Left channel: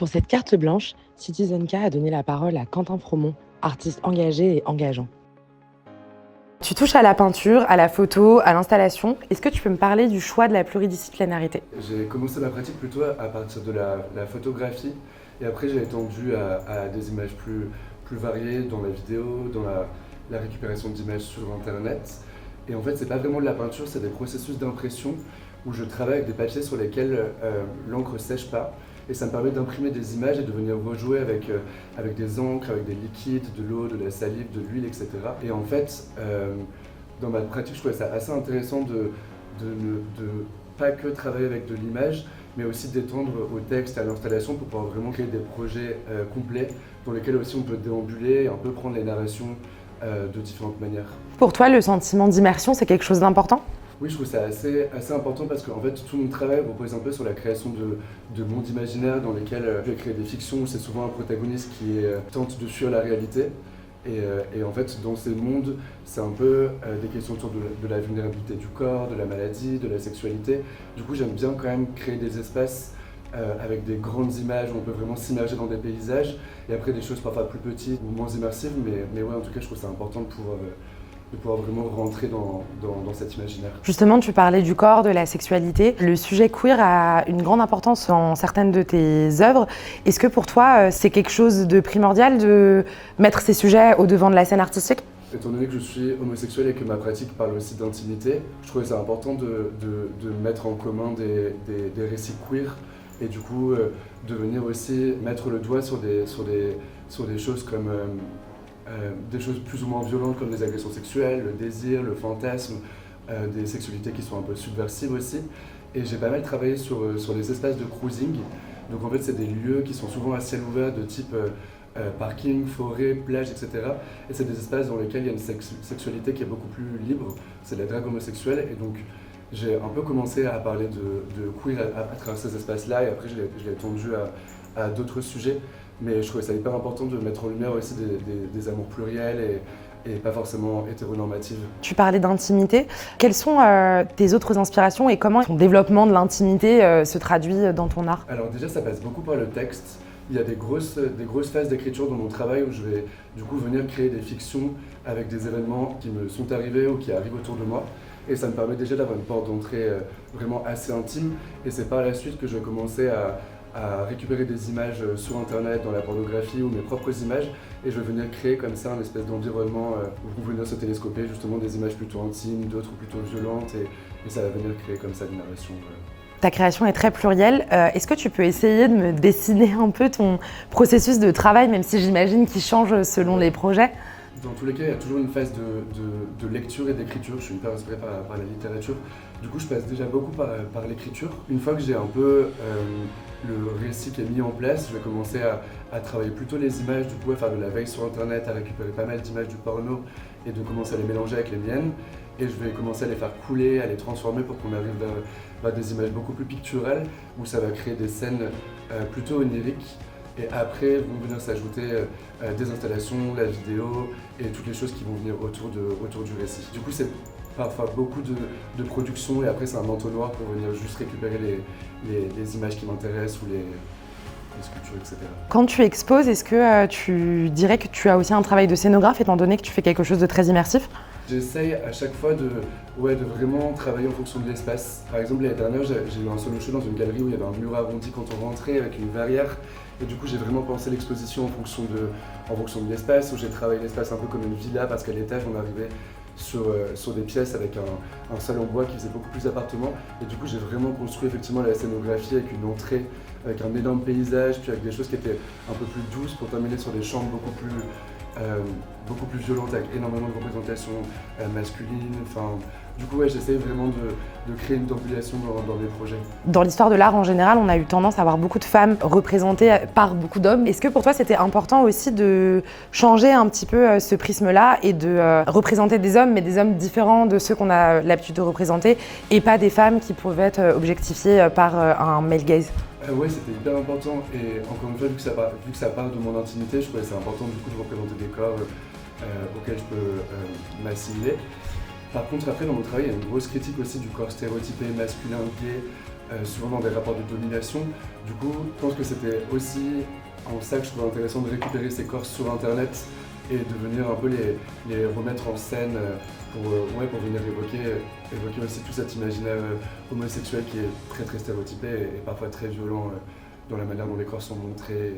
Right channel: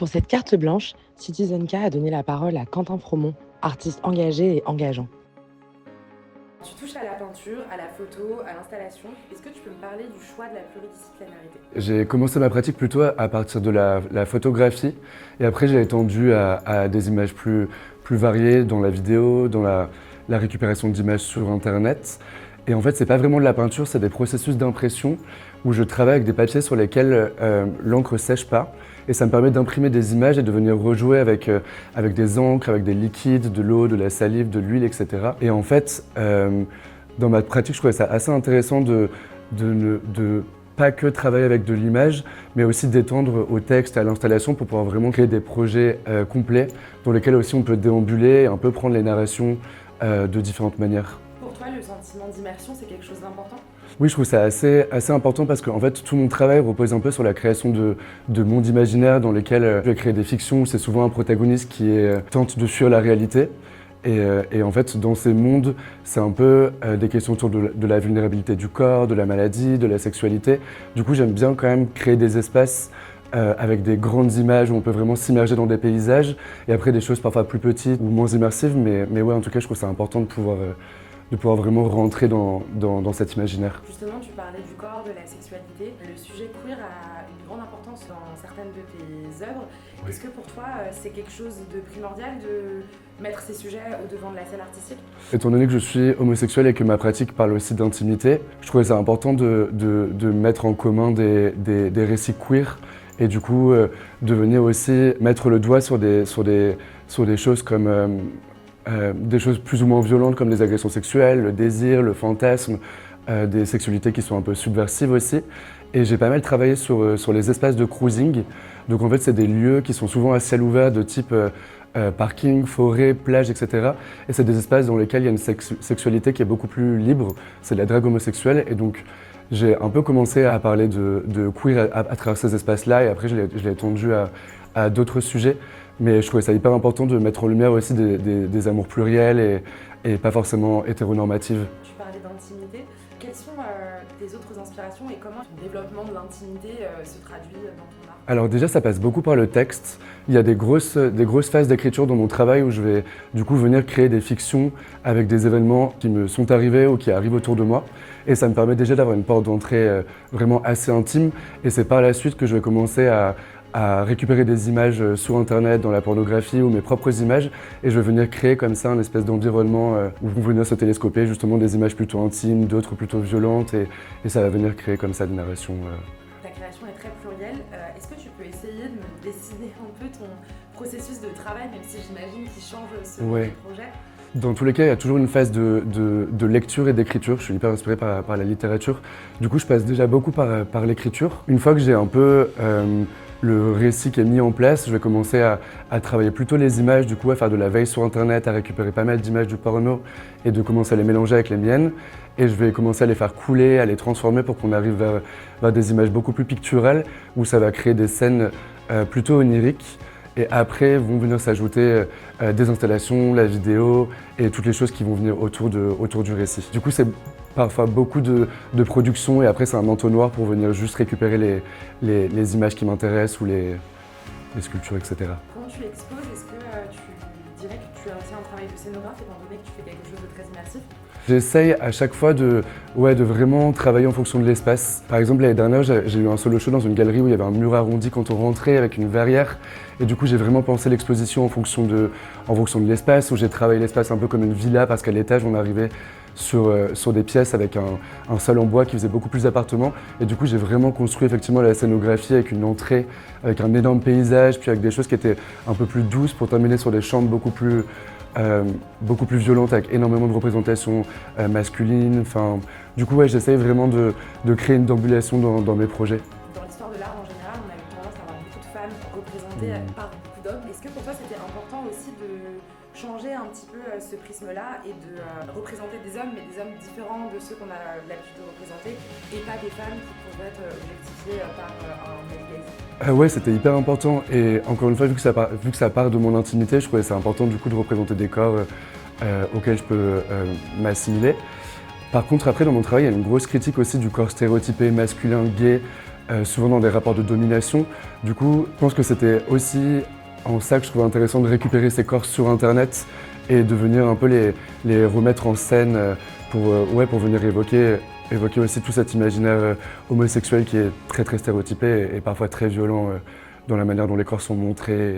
Pour cette carte blanche, Citizen K a donné la parole à Quentin Fromont, artiste engagé et engageant. Tu touches à la peinture, à la photo, à l'installation. Est-ce que tu peux me parler du choix de la pluridisciplinarité? J'ai commencé ma pratique plutôt à partir de la photographie et après j'ai étendu à des images plus variées dans la vidéo, dans la récupération d'images sur internet. Et en fait c'est pas vraiment de la peinture, c'est des processus d'impression où je travaille avec des papiers sur lesquels l'encre sèche pas. Et ça me permet d'imprimer des images et de venir rejouer avec des encres, avec des liquides, de l'eau, de la salive, de l'huile, etc. Et en fait, dans ma pratique, je trouvais ça assez intéressant de pas que travailler avec de l'image, mais aussi d'étendre au texte et à l'installation pour pouvoir vraiment créer des projets complets dans lesquels aussi on peut déambuler et un peu prendre les narrations de différentes manières. Pour toi, le sentiment d'immersion, c'est quelque chose d'important? Oui, je trouve ça assez important parce qu'en fait, tout mon travail repose un peu sur la création de mondes imaginaires dans lesquels je vais créer des fictions où c'est souvent un protagoniste qui tente de fuir la réalité. Et en fait, dans ces mondes, c'est un peu des questions autour de la vulnérabilité du corps, de la maladie, de la sexualité. Du coup, j'aime bien quand même créer des espaces avec des grandes images où on peut vraiment s'immerger dans des paysages et après des choses parfois plus petites ou moins immersives. Mais ouais, en tout cas, je trouve ça important de pouvoir vraiment rentrer dans cet imaginaire. Justement, tu parlais du corps, de la sexualité. Le sujet queer a une grande importance dans certaines de tes œuvres. Est-ce que pour toi, c'est quelque chose de primordial de mettre ces sujets au devant de la scène artistique? Étant donné que je suis homosexuel et que ma pratique parle aussi d'intimité, je trouvais ça important de mettre en commun des récits queer et du coup de venir aussi mettre le doigt sur des choses comme des choses plus ou moins violentes comme les agressions sexuelles, le désir, le fantasme, des sexualités qui sont un peu subversives aussi. Et j'ai pas mal travaillé sur les espaces de cruising. Donc en fait, c'est des lieux qui sont souvent à ciel ouvert de type parking, forêt, plage, etc. Et c'est des espaces dans lesquels il y a une sexualité qui est beaucoup plus libre. C'est la drague homosexuelle. Et donc j'ai un peu commencé à parler de queer à travers ces espaces-là. Et après, je l'ai étendu à d'autres sujets. Mais je trouvais ça hyper important de mettre en lumière aussi des amours pluriels et pas forcément hétéronormatives. Tu parlais d'intimité. Quelles sont tes autres inspirations et comment ton développement de l'intimité se traduit dans ton art? Alors déjà, ça passe beaucoup par le texte. Il y a des grosses phases d'écriture dans mon travail où je vais du coup venir créer des fictions avec des événements qui me sont arrivés ou qui arrivent autour de moi. Et ça me permet déjà d'avoir une porte d'entrée vraiment assez intime. Et c'est par la suite que je vais commencer à récupérer des images sur internet, dans la pornographie ou mes propres images et je vais venir créer comme ça un espèce d'environnement où vont venir se télescoper justement des images plutôt intimes, d'autres plutôt violentes et ça va venir créer comme ça des narrations. Ta création est très plurielle. Est-ce que tu peux essayer de me dessiner un peu ton processus de travail, même si j'imagine qu'il change selon les projets? Dans tous les cas, il y a toujours une phase de lecture et d'écriture. Je suis hyper inspiré par la littérature. Du coup, je passe déjà beaucoup par l'écriture. Une fois que j'ai un peu le récit qui est mis en place, je vais commencer à travailler plutôt les images, du coup à faire de la veille sur internet, à récupérer pas mal d'images du porno et de commencer à les mélanger avec les miennes. Et je vais commencer à les faire couler, à les transformer pour qu'on arrive vers des images beaucoup plus picturales où ça va créer des scènes plutôt oniriques. Et après vont venir s'ajouter des installations, la vidéo et toutes les choses qui vont venir autour du récit. Du coup, c'est parfois beaucoup de production et après c'est un entonnoir pour venir juste récupérer les images qui m'intéressent ou les sculptures, etc. Quand tu exposes, est-ce que tu dirais que tu as aussi un travail de scénographe étant donné que tu fais quelque chose de très immersif? J'essaye à chaque fois de vraiment travailler en fonction de l'espace. Par exemple, l'année dernière, j'ai eu un solo show dans une galerie où il y avait un mur arrondi quand on rentrait avec une verrière. Et du coup, j'ai vraiment pensé l'exposition en fonction de l'espace, où j'ai travaillé l'espace un peu comme une villa parce qu'à l'étage, on arrivait sur des pièces avec un sol en bois qui faisait beaucoup plus d'appartements. Et du coup, j'ai vraiment construit effectivement la scénographie avec une entrée, avec un énorme paysage, puis avec des choses qui étaient un peu plus douces pour terminer sur des chambres beaucoup plus violentes avec énormément de représentations masculines. Enfin, du coup, ouais, j'essaye vraiment de créer une déambulation dans mes projets. Dans l'histoire de l'art en général, on a eu tendance à avoir beaucoup de femmes représentées par beaucoup d'hommes. Est-ce que pour toi, c'était important aussi de changer un petit peu ce prisme-là et de représenter des hommes, mais des hommes différents de ceux qu'on a l'habitude de représenter et pas des femmes qui pouvaient être objectifiées par un male gaze? Ouais, c'était hyper important et encore une fois, vu que ça part de mon intimité, je trouvais ça important du coup de représenter des corps auxquels je peux m'assimiler. Par contre, après, dans mon travail, il y a une grosse critique aussi du corps stéréotypé, masculin, gay, souvent dans des rapports de domination. Du coup, je pense que c'était aussi en ça que je trouvais intéressant de récupérer ces corps sur Internet et de venir un peu les remettre en scène pour venir évoquer aussi tout cet imaginaire homosexuel qui est très très stéréotypé et parfois très violent dans la manière dont les corps sont montrés.